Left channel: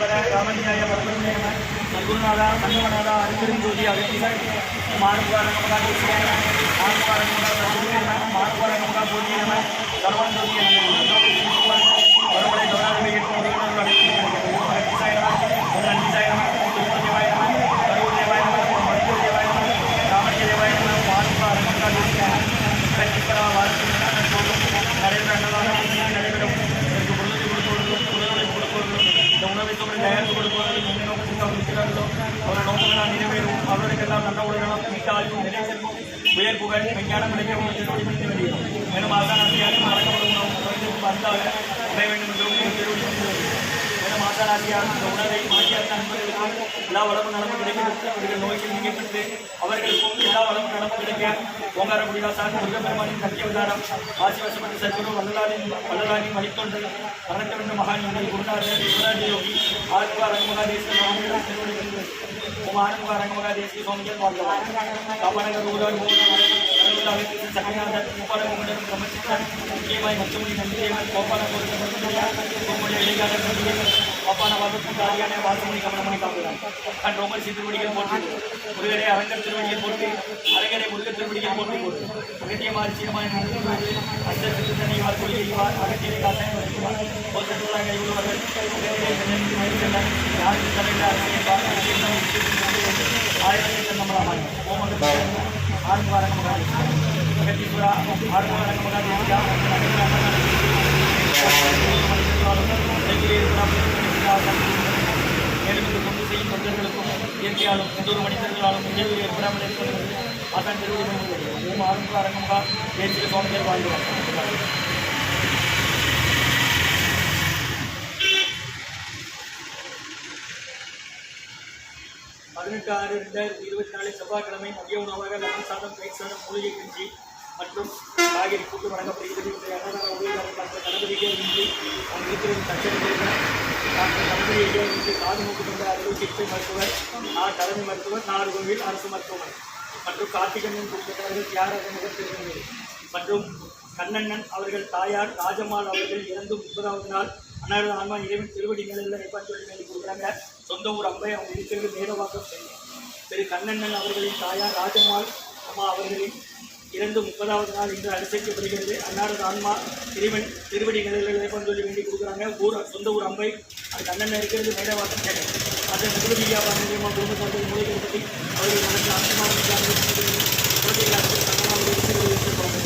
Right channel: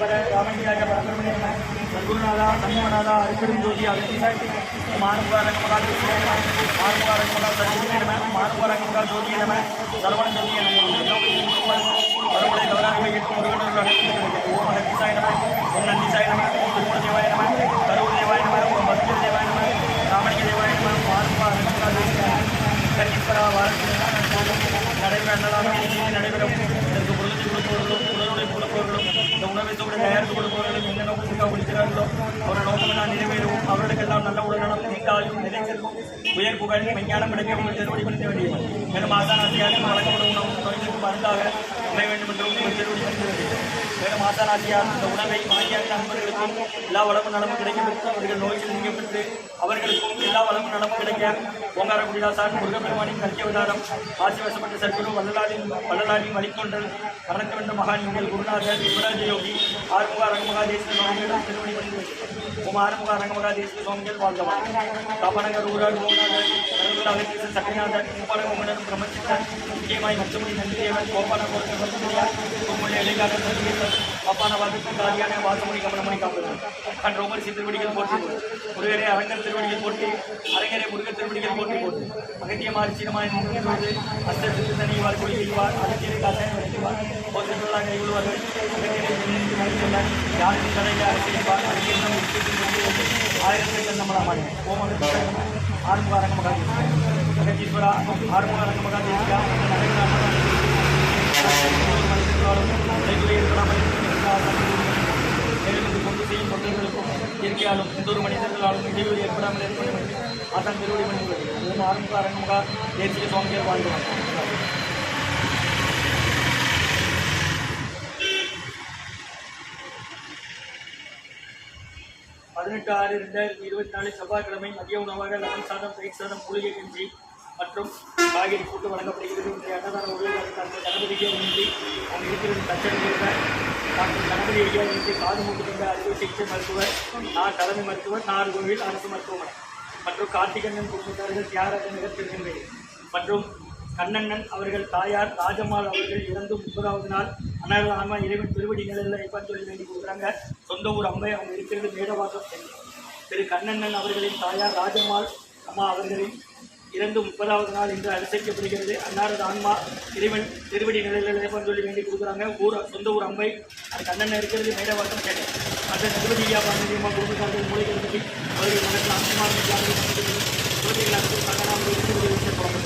ராமலிங்காய பரமேஸ்வரனே நம. சத்குருநாதா சங்கமநாதா அருப்பெரும் ஜோதி அகத்தீசாய் மானுபாரங்கமகா ஜோதியே நம. மானுபாரங்கமகா சத்குருவே நம. மானுபாரங்கமகா ஜோதியே நம. சரவண ஜோதியே நம. பரமலை கவனாதிபதி எட்டு முருகனோடு அகத்தீசாய் நம. ஓம் நந்திசாய நம. ஓம் திருமூலதேவாய நம. கரூர் தேவாய நம. ஓம் மருத்துவ தேவாய நம. ராமலிங்க தேவாய நம. மானுபாரங்கமகா ஜோதியே நம. கண்டிப்பரா வாழ்க்கை நடைபெற நடைபெறும் இதற்கு பொருள் கொடுப்பவர்களும் உடல்களை கொடுப்பவர்களும் இந்த உணவை தோடு தயாரித்து கொடுப்பவர்களும் எந்த நோக்கத்துக்காக கொடுக்கிறார்களோ அவரோட நோக்கங்களால் நிறைவேறும். அவர்களுக்கெல்லாம் நல்ல உடல்நலம் நீட்டாயும் நிலை செல்வம் உயர் புகழ் விஞ்ஞானம் கிடைக்க உங்கள் திருவடிப்படுத்த வேண்டியது. மேலும் ஆசானாசியாக வழங்கப்படும் உணவு மருந்தாக உணர வேண்டும் என்று உங்கள் திருவடிப்படுத்த வேண்டியது. மேலும் ஆசானாசியாக இந்த உணவை மாற்றியாக அன்பர்களுக்கும் எல்லா வளமும் நலமும் கிடைக்கப்பட்டு அவர்கள் நோய்கள் நீக்கப்பட்டு அவர்களுக்கும் எல்லா வளமும் நலமும் கிடைக்க ஓங்கார குடிதாசான் முருகப்பெருமானின் சத்தியவதாரம் ஆசி வசப்பட்ட சற்குரு வள்ளலாரின் வழித்தொண்டல் மரணத்த வென்ற மகான் எங்கள் குருநாதர் யுவராஜ யோகி ஆறுமுக அரங்கமகாதேஸ்வரர் திருவடி பணிந்து ஓம் ஆறுமுக அரங்கமகாதேஸ்வர சுவாமிகள் வாழ்ந்தவார் காமநகர் ஊரார் மோகனார் அகத்தீசன் சக்கரநாதர் உப்பான மோகனரும் பிரம்மச்சித்தன் முக்கியமாய் மச்சமொழி நந்திதேவன் கோப்பான கோமொழி இளைஞர் பாப்பான வாதத்தும் காரியான வாசமொழி கமலமணி காப்புகிறார் கண் ரோமர் திருவடிகள் போட்டு முருகரே அரங்கர் திருவடிகள் போட்டு அரங்கரே முருகர் திருவடிகள் போட்டு போட்டு அகத்தியமாரி சீனமாய் அந்த சிறுதனிவார் கொள்கைவார் அகத்தியரை காத்தாய் வரைக்குவார் போசத்துள்ளாக கைவிடுவார்கள் அகத்தியரை யாருக்கு தலையில் அரசியல்வார் அரசியல் ஆயிரத்தை கண்ணமலாமாய் ஓம ஆறுமுக அரங்கமகாதேவி அகத்தீஸ்வரா ஆறுமுக அரங்கமகாதேவியா மேலும் இந்த தொண்டு செய்யும் தொண்டர்களுக்கும் இயற்கையாலும் எந்த ஒரு மனிதர்களாலும் இடைவெளி ஏற்படாமல் ஏற்படுவது ஆசான் திருவடி பண்ணுவது ஓம் ஆறுமுக அரங்கமகா தேசிக சுவாமிகள் வாழ்ந்துவார். 18/6/2024 செவ்வாய்க்கிழமை மதிய உணவாக லெமன் சாதம், தயிர் சாதம், மூலிகை கஞ்சி மற்றும் காய்கறி கூட்டு வழங்கப்படுகிறது. இன்றைய அன்னதான உதவியாளர் டாக்டர் கணபதி ஐயா இன்றி அவங்க இருக்கிறது தச்சரிக்கிற டாக்டர் கணபதி ஐயா இன்றி காது மூக்கு தொண்ட அறுவை சிகிச்சை மருத்துவர், தலைமை மருத்துவர், நாகர்கோவில் அரசு மருத்துவமனை மற்றும் கார்த்திகண்ணன் குடும்பத்தார்கள் தியாகராஜ நகர் திருநெல்வேலி மற்றும் கண்ணண்ணன் அவர்கள் தாயார் ராஜம்மாள் அவர்கள் இறந்து 30வது நாள் அன்னாரது ஆன்மா இறைவன் திருவடி நிலையில் ஐப்பான் சொல்லி வேண்டி கொடுக்குறாங்க. சொந்த ஊர் அம்பை அவங்க இருக்கிறது மேடவாக்கம் சென்று திரு கண்ணண்ணன் அவர்களின் தாயார் ராஜம்மாள் அம்மா அவர்களின் இறந்து 30வது நாள் இன்று அனுசரிக்கப்படுகிறது. அன்னாரது ஆன்மா இறைவன் திருவடி நிலையில் ஐப்பான் சொல்லி வேண்டி கொடுக்குறாங்க. சொந்த ஊர் அம்பை அது கண்ணண்ணன் இருக்கிறது மேடவாக்கம் சென்னை மற்ற நிர்வதியா பாரம்பரியமாக குடும்பத்தார்கள் மூலிகை பற்றி அவர்கள் மனத்தில் ஆத்மாவின் குழந்தைகள் அனைத்து சங்கனாக இருக்கிறது குழந்தை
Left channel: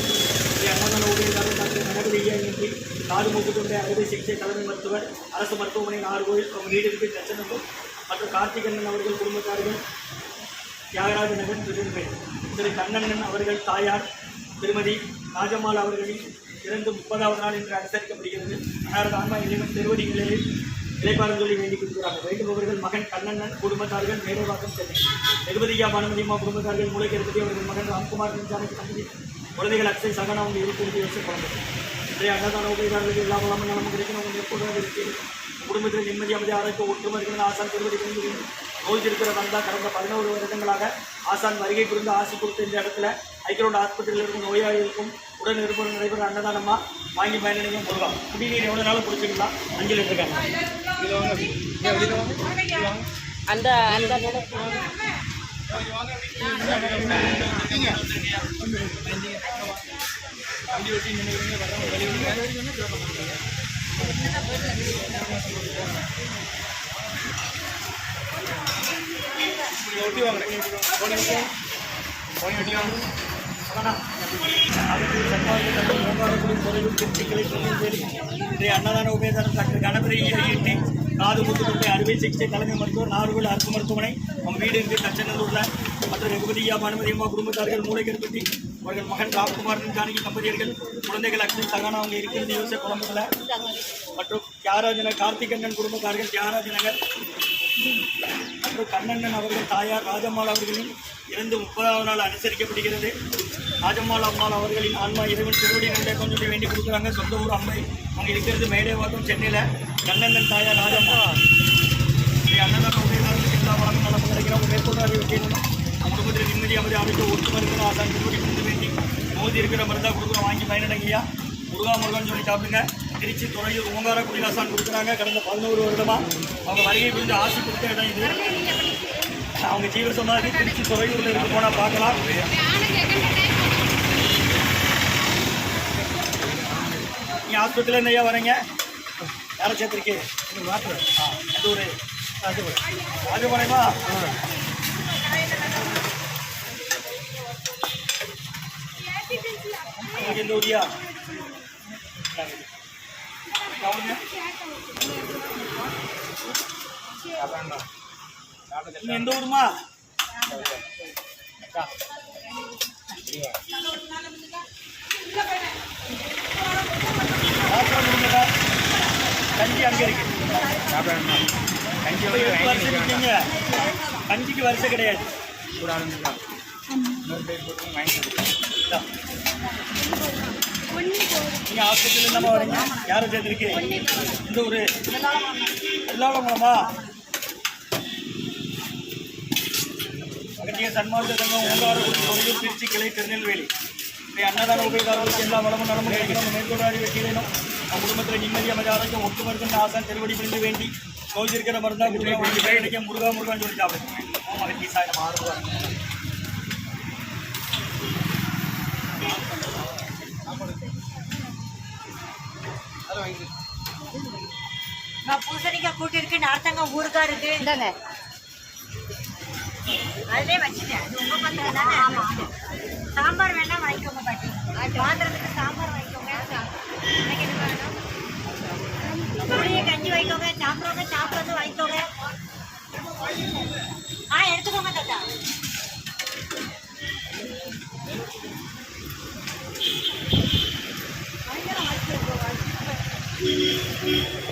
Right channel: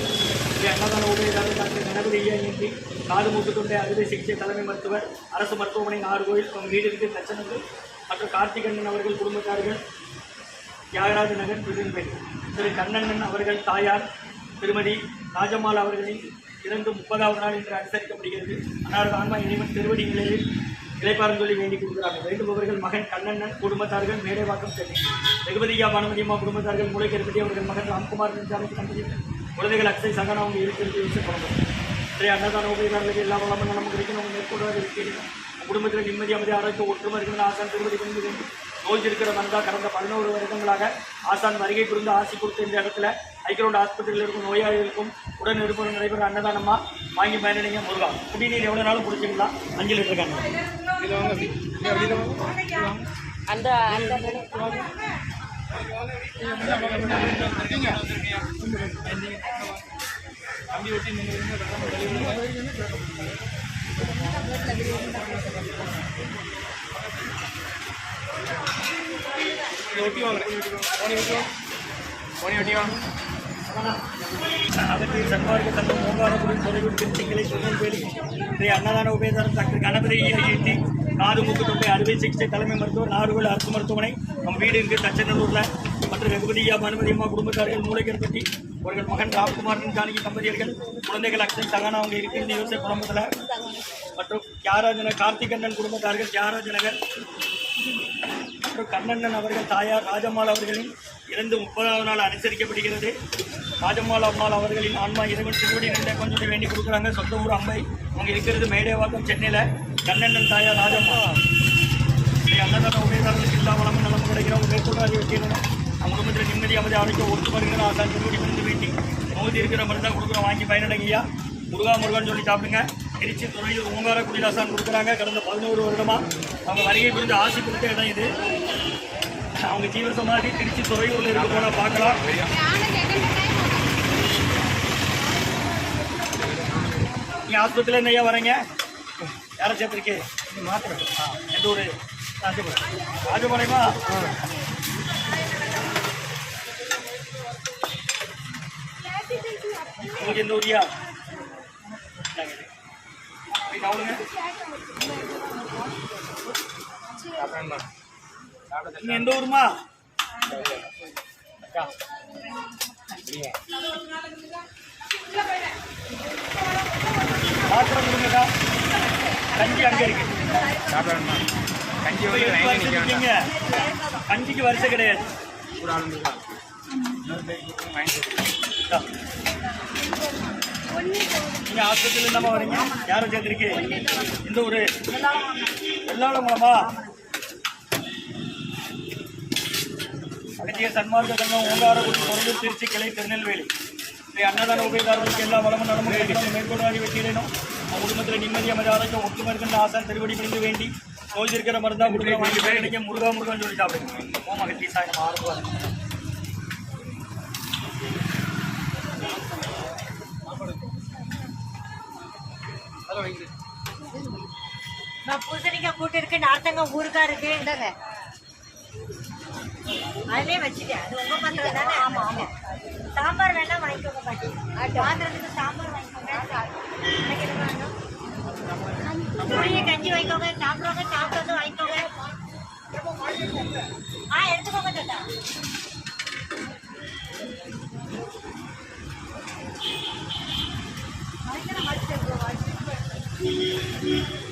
அன்னதான உபயோகாளர் டாக்டர் கணபதி ஐயா இன்றி காது மூக்கு தொண்டை அறுவை சிகிச்சை தலைமை மருத்துவர் அரசு மருத்துவமனை நாகர்கோவில் அவங்க வீடு இருக்கு தச்சனூர் மற்றும் கார்த்திகண்ணன் அவர்கள் குடும்பத்தார்கள் தியாகராஜ நகர் திருநெல்வேலி. திரு கண்ணண்ணன் அவர்கள் தாயார் திருமதி ராஜம்மாள் அவர்களின் இறந்து 30வது நாள் இன்று அனுசரிக்கப்படுகிறது. அன்னாரது ஆன்மா இறைவன் திருவடி நிலையில் இளைப்பாரம் சொல்லி வேண்டி கொடுக்குறாங்க. வேண்டுபவர்கள் மகன் கண்ணண்ணன் குடும்பத்தார்கள் மேடைவாக்கம் சென்னை ரகுபதியா பானுமதியம்மா குடும்பத்தார்கள் மூளைக்கருப்பதி அவர்கள் மகன் ராம்குமார் ஜானகி தம்பதி குழந்தைகள் அக்ஷை சகனா அவங்க இருக்கிறது யோசிச்சு குழம்பு. இன்றைய அன்னதான உபயோகாரர்களுக்கு எல்லா வளமும் நம்ம கிடைக்கணும். அவங்க மேற்கொள்வதாக இருக்கிறோம். குடும்பத்தில் நிம்மதி அமைதி ஆரோக்கிய ஒற்றுமை இருக்கிறது. ஆசான் திருவடி பணிந்து வேண்டும். நோய் இருக்கிற வந்தால் கடந்த 11 வருடங்களாக ஆசான் வருகை புரிந்து ஆசி கொடுத்த இந்த இடத்துல ஐக்கிரோட ஆஸ்பத்திரியில் இருக்கும் நோயாளிகளுக்கும் உடன் இருப்பவர்கள் நடைபெற அன்னதானமாக வாங்கி பயனடைங்க. முருகா குடிநீர் எவ்வளோ நாளும் பிடிச்சிக்கலாம். 5 லிட்டர் கேன் அந்த வண்டி ஒட்டி நினைக்கிறீங்க ஒட்டி வாங்க சர்வார்க்க தங்கள் ஓங்காரக்குடி தொலைவில் திருச்சிக்கலை திருநெல்வேலி. இன்றைய அன்னதான உபயோகாளர் டாக்டர் கணபதி ஈட்டி காது மூக்கு தொண்டை அறுவை சிகிச்சை தலைமை மருத்துவர் நாகர்கோவில் அரசு மருத்துவமனை நம்ம வீடு இருக்குது தச்சநல்லூரில் மற்றும் ரகுபதியா பானுமதியம்மா குடும்பத்தார்கள் மூளைக்கருப்பட்டி அவர்கள் மகன் ராம்குமார் ஜானகி தம்பதியர்கள் குழந்தைகள் அக்ஷன் சகானா அவங்க இருக்கிறது யோசை குடும்பத்தில் மற்றும் தியாகராஜ கார்த்திகண்ணன் குடும்பத்தார்கள் தியாகராஜ நகர் மற்றும் கண்ணண்ணன் அவர்கள் தாயார் ராஜம்மாள் அவர்களின் இறந்து 30வது நாள் அனுசரிக்கப்படுகிறது. ராஜம்மாள் அம்மாள் அவர்களின் ஆன்மா இறைவன் திருவடி நன்றை கொஞ்சம் வேண்டி கொடுக்குறாங்க. சொந்த ஊர் அம்பை அவங்க இருக்கிறது மேடேவாக்கம் சென்னையில் கண்ணண்ணன் தாயார் ராஜம்மா. அன்னதான உபயோகாரத்துக்கு எல்லா வளமும் நலமும் கிடைக்கிறவங்க மேற்கொள்ளாக வைக்கணும். நம்ம குடும்பத்தில் நிம்மதி அமைதி ஆரோக்கிய ஒற்றுமை இருக்கிற ஆசான் திருவடி பணிந்து வேண்டி நோய் இருக்கிற மருந்தாக கொடுக்குறோம். வாங்கி பயனடைங்கய்யா. முருகா முருகான்னு சொல்லி சாப்பிடுங்க. திருச்சி துறையூர் ஓங்கார குடிதாசான் கொடுக்குறாங்க. கடந்த 11 வருடமாக அவங்க வருகை புரிந்து ஆசி கொடுத்த இடம் இது. அவங்க ஜீவசமாதி திருச்சி துறையூரில் இருந்து போனால் பார்க்கலாம். நீங்கள் ஆஸ்பத்திரியில் என்ன ஐயா வரீங்க? யாரை சேர்த்துருக்கே? மாத்திரை. எந்த ஊர்? ராஜபாளையமா? உங்களுக்கு எந்த ஊரியா? நீங்க எந்த ஊருமா? கஞ்சி அங்க இருக்கு. கஞ்சி 8 வருஷம் இருக்கீங்க. கஞ்சிக்கு வருஷம் கிடையாது. நீங்க ஹாஸ்பிட்டல் இல்லாம வரீங்க? யாரும் சேர்ந்துருக்கு? இந்த ஊரு எல்லாரும் மூலமா அகத்திய சன்மார்க்க சங்கம் ஓங்காரக்குடி துறையூர் திருச்சி கிளை திருநெல்வேலி அன்னதான உபயோகாரர்களுக்கு எல்லா வளமும் நலமும் கிடைக்கணும். மேற்கொண்டாடி வெற்றியிடணும். அவங்க குடும்பத்தில் நிம்மதி அமைதி ஆரோக்கியம் ஒட்டுமா இருக்குன்னு ஆசான் திருவடி பிடிந்து வேண்டி நோய் இருக்கிற மருந்தா கொடுக்குற வழி போய் இன்றைக்கி முருகா முருகான்னு சொல்லி சாப்பிடுங்க. ஓம் அகத்தி சாய் நம்ம ஆர்வம். நான் பூசணிக்காய் கூட்டி இருக்கு, நார்த்தங்காய் ஊருக்கா இருக்கு. அதிலே வச்சுட்டேன். சாம்பார் வேணா வாங்கிக்கோங்க பாட்டி. ஆந்திரத்துக்கு சாம்பார் வாங்கிக்கோங்க. கஞ்சி வாங்கிக்கோங்க. சாப்பிட்றது வாங்கிக்கோங்க. எடுத்துக்கோங்க தாத்தா. Thank you.